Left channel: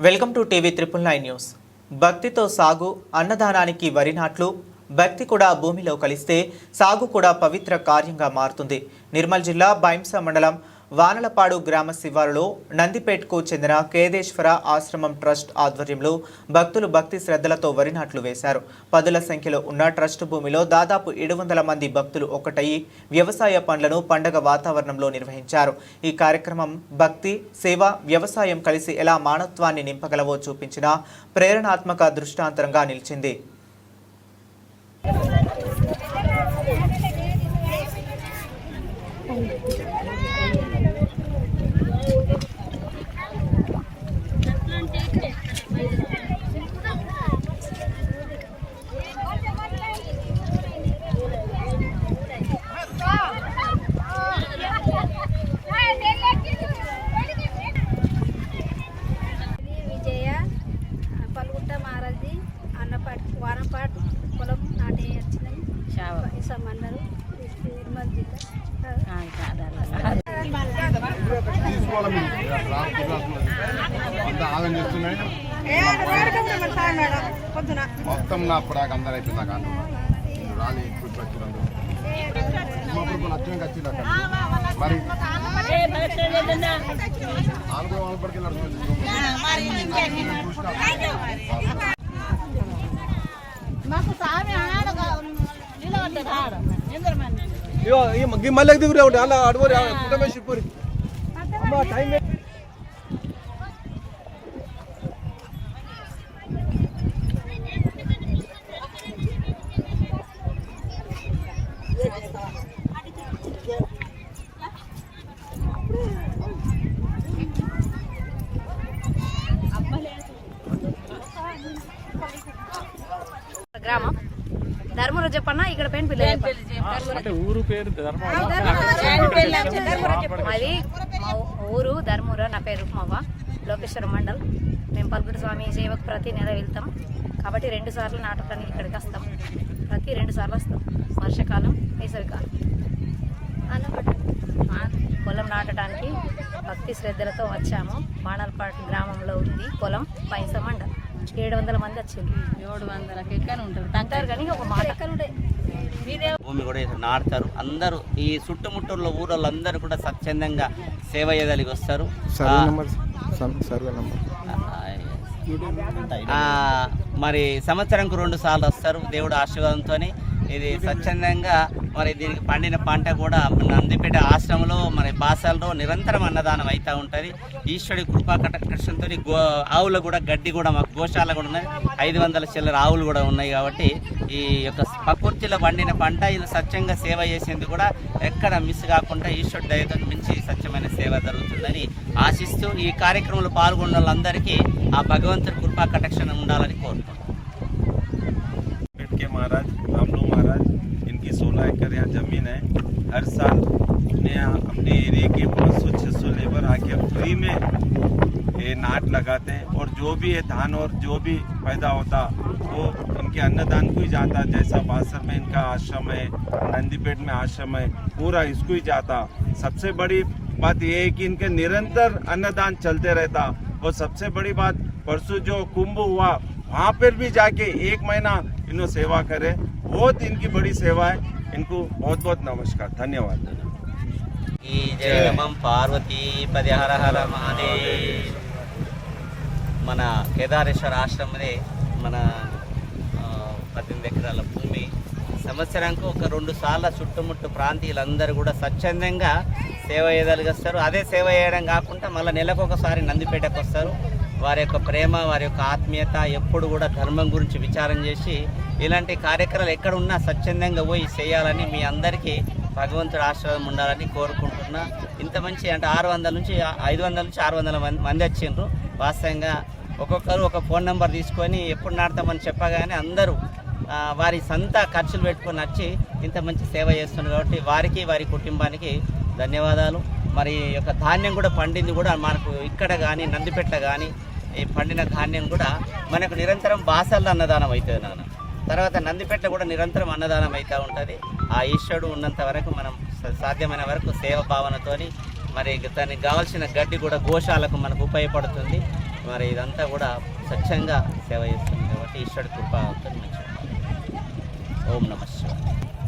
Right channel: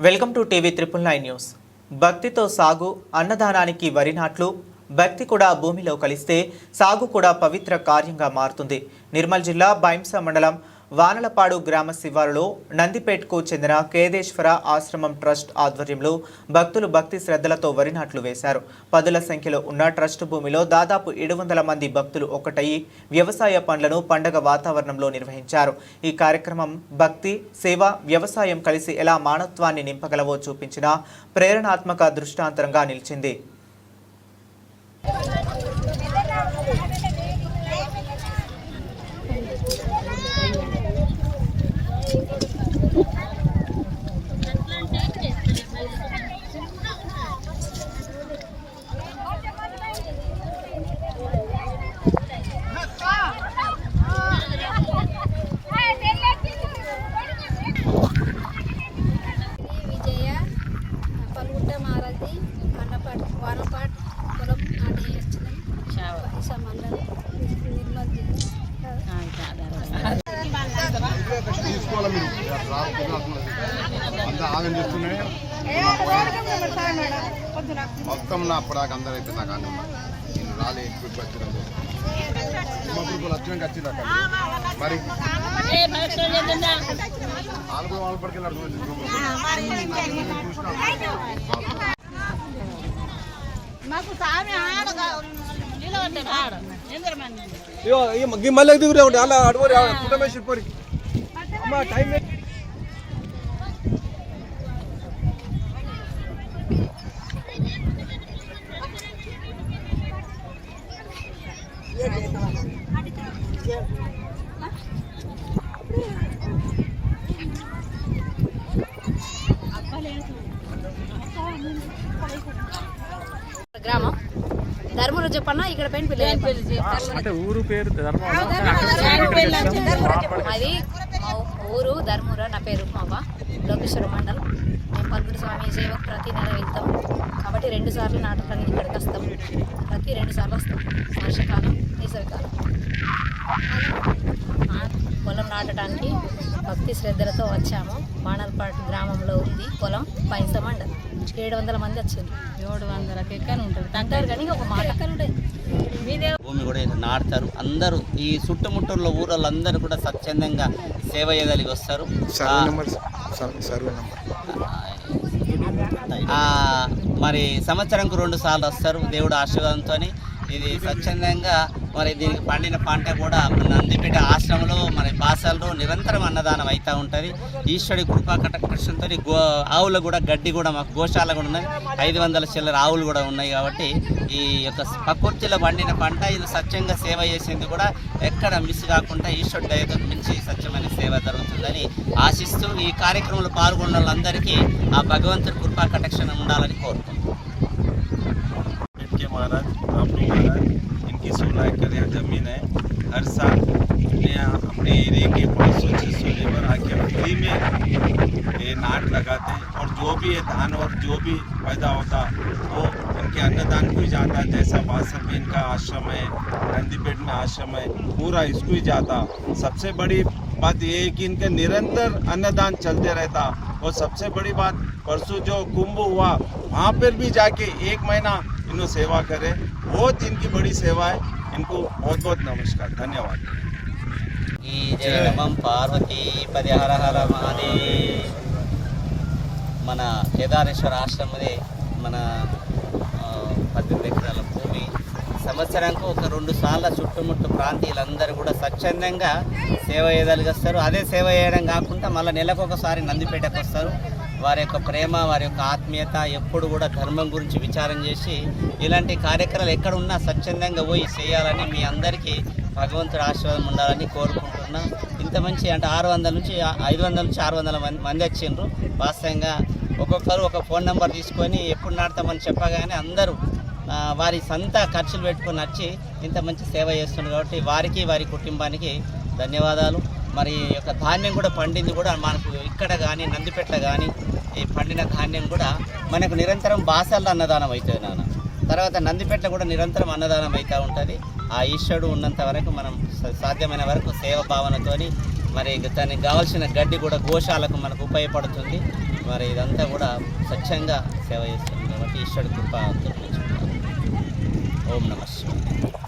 Welcome to TV triple nine news. భక్తితో సాగు అన్నదానానికి వరి నాట్లు భక్తి కూడా భూమిలో కలిస్తే సాగు కూడా పవిత్ర కార్యంగా మారుతుంది. నిర్మల్ జిల్లా బైంస మండలం వానలపాడు గ్రామ శివారులో నందిపేట్కు చెందిన కేదేశ్వర ఆశ్రమం ట్రస్ట్ ఆధ్వర్యంలో భక్తులు భక్తి శ్రద్ధలతో వరినాట్లు వేశారు. పదుల సంఖ్యలో ఉన్న ట్రస్ట్ భూమిలో దాదాపు ఏడు వందల మంది భక్తులు ఒకటయి వ్యవసాయ పనులను పండగ వాతావరణంలో నిర్వహించారు. ఈ కార్యక్రమం భక్తి సేవ వ్యవసాయం కలిసి ఎలా మానవత్వాన్ని నింపగలవో చూపించిన ప్రేరణాత్మక దృష్టాంతరంగా నిలిచింది. పైస మండలం నిర్మల్ జిల్లా. మొత్తం నా అప్పటిదాకా అందరూ అయితే నాకు అన్న నేను రాలే ఇప్పుడు వచ్చినాము ఇప్పుడు వచ్చినాక వచ్చినాక మరి నాలుగో వాళ్ళ పడికి మళ్ళీ దిగురే ఉండే అలా అడవరి కుటుంబేసి పోరి. అమ్మ టైం గ్రామం. ధర్మరు చెప్పన్నా ఇక్కడ పిల్ల అంటే ఊరు పేరు ధర్మవరం. మాది మా ఊరు ధర్మూర నా పేరు మావ లోకేశ్వర మండల్. మేము పల్గుడు స్వామి సేవకు ప్రతి నెల వెళ్తాం. కాబట్టి రెండు సార్లు నాటకానికి ఇక్కడికి వస్తాం. ప్రతి రెండు సార్లు వస్తాం. వర్షాకాలం వేసవికాలం. పొలం నాటడానికి భక్తి శ్రద్ధలతో వచ్చాము. మానల్పాటి గ్రామంలో ఉంది పొలం పైస మండల్. ఏడు వందల మంది వచ్చింది ఏడు కానీ ఒక మాట. భూమి కూడా ఇక్కడ నాటుతారు. అందరూ ఈ చుట్టుముట్టూరులో ఊరోళ్ళందరూ కూడా స్వచ్ఛందంగా సేవ చేయగలిగి వస్తారు. సర్వే నెంబర్ సర్వే నెంబర్ ఆ, మరి సంవత్సరంకు రెండు సార్లు వస్తారు దేవుడు ఆశీర్వాదంతో ఇది స్వచ్ఛందంగా మరి దీనికి పండిన పంట కూడా మన నందిపేట ఆశ్రమంలో మరి పాసాలలో నిరంతరం అన్నదానం అవుతూ ఉంటుంది. ఈశ్వరుడి కృపా కటకృష్ణంతో గో ఆవులు కూడా గడ్డి కూడా మాకు గోశాల కూడా ఉన్నాయి. ఐదు వందల చిల్లర ఆవులు కూడా ఉన్నాయి కాబట్టి ఈ యొక్క ప్రకృతిలో పండిన పంట ఇది సత్యంగా సేవ చేసేందుకు కూడా ఎక్కడ మిస్ కాకుండా ఈశ్వరుడి దయతో మించి సత్యమైన సేవ జరుగుతుందని ఆశిస్తూ ఈ కార్యక్రమంలో పాల్గొన్న వాళ్ళందరికీ ఆ భగవంతుడి కృపా కటక్షణ ఉండాలని కోరుకుంటున్నాను మహారాజ్ మహారాజ్ एकड़ यहाँ ज़मीन है। हर साल ये यहाँ अपने एरिए के पाँच सौ छः सौ लेबर आके फ्री में ये नाट लगाते हैं और जो भी ये धान और जो भी पैदा होता, वो इनके अन्नदान को ही जाता। जैसा बासर में इनका आश्रम है, नंदीपेट में आश्रम है, पूरा इसको ही जाता। सबसे बड़ी बात ये है कि इनके निरंतर अन्नदान चलते रहता। और सबसे बड़ी बात, परसों जो कुंभ हुआ, वहाँ पर भी जाके एक महीना इन्हों सेवा करे। बहुत इनकी बड़ी सेवा है इनको बहुत बहुत नमस्कार धन्यवाद ఈ జయ నమం పార్వతీ పది హర హర మహాదేవ్ మన కేదారేశ్వర ఆశ్రమదే మన ఆ, పద్దెనిమిది ఎకరాల భూమి సంవత్సరానికి ఒక రెండు సార్ల చుట్టుముట్టు ప్రాంతీయులందరూ కూడా స్వచ్ఛందంగా సేవ చేయగలిగేస్తారు అదే సేవ చేయడం కాకుండా మళ్ళీ నెలకు ఒకసారి నందిపేటకు వస్తారు వారి యొక్క ప్రేమ వారి యొక్క ఆత్మీయత ఎప్పుడు కూడా ధర్మం గురించి విచారం చేసి ఇలాంటి కార్యక్రమాలు ఎక్కడ ఉన్నా స్వచ్ఛందంగా పోయి చేయాలని మీ అందరికీ భగవంతుడు ఆశీర్వాదం ఉండాలని కోరుకుంటున్నా. ఇంత మంచి అంటే ఆరు వందల నుంచి ఐదు వందల నుంచి ఆరు వందల మంది మంది వచ్చిండ్రు. వాస్తవంగా ఒక్కొక్కరు ఒక ఫోన్ నెంబర్ తీసుకొని ఎప్పుడు నాడతామని చెప్పగానే అందరూ వారి సొంత ఖర్చులు పెట్టుకొని వచ్చి ఇంత మంచి సేవ చేస్తున్నారు కాబట్టి వారికి వారి కుటుంబానికి ధన్యవాదాలు. మరి యొక్క ధాన్యం కూడా పండింది కూడా మనకు ఇక్కడ కానీ నందిపెట్ల కానీ ఈ పండిన ధాన్యం కూడా మనకు నిరంతరం బాసల్లో అన్నదానం అవుతుంది నాన్న. తర్వాత నందిపెట్ల కూడా నిరంతరం అన్నదానం అవుతూ ఉంటుంది. ఆ ఈశ్వరుడు ఉన్నంత వరకు మనం సాధ్యమైన వరకు సేవ భావనతోని మరి దానికి కావాల్సిన గడ్డి కూడా గోశాలకు మనకు ఉపయోగపడుతుంది. మరి ఇదంతా కూడా స్వచ్ఛంగా సేవ చేస్తుంది కాబట్టి ఈశ్వరుడు కృప అంతా ఓం నమ శివాయ.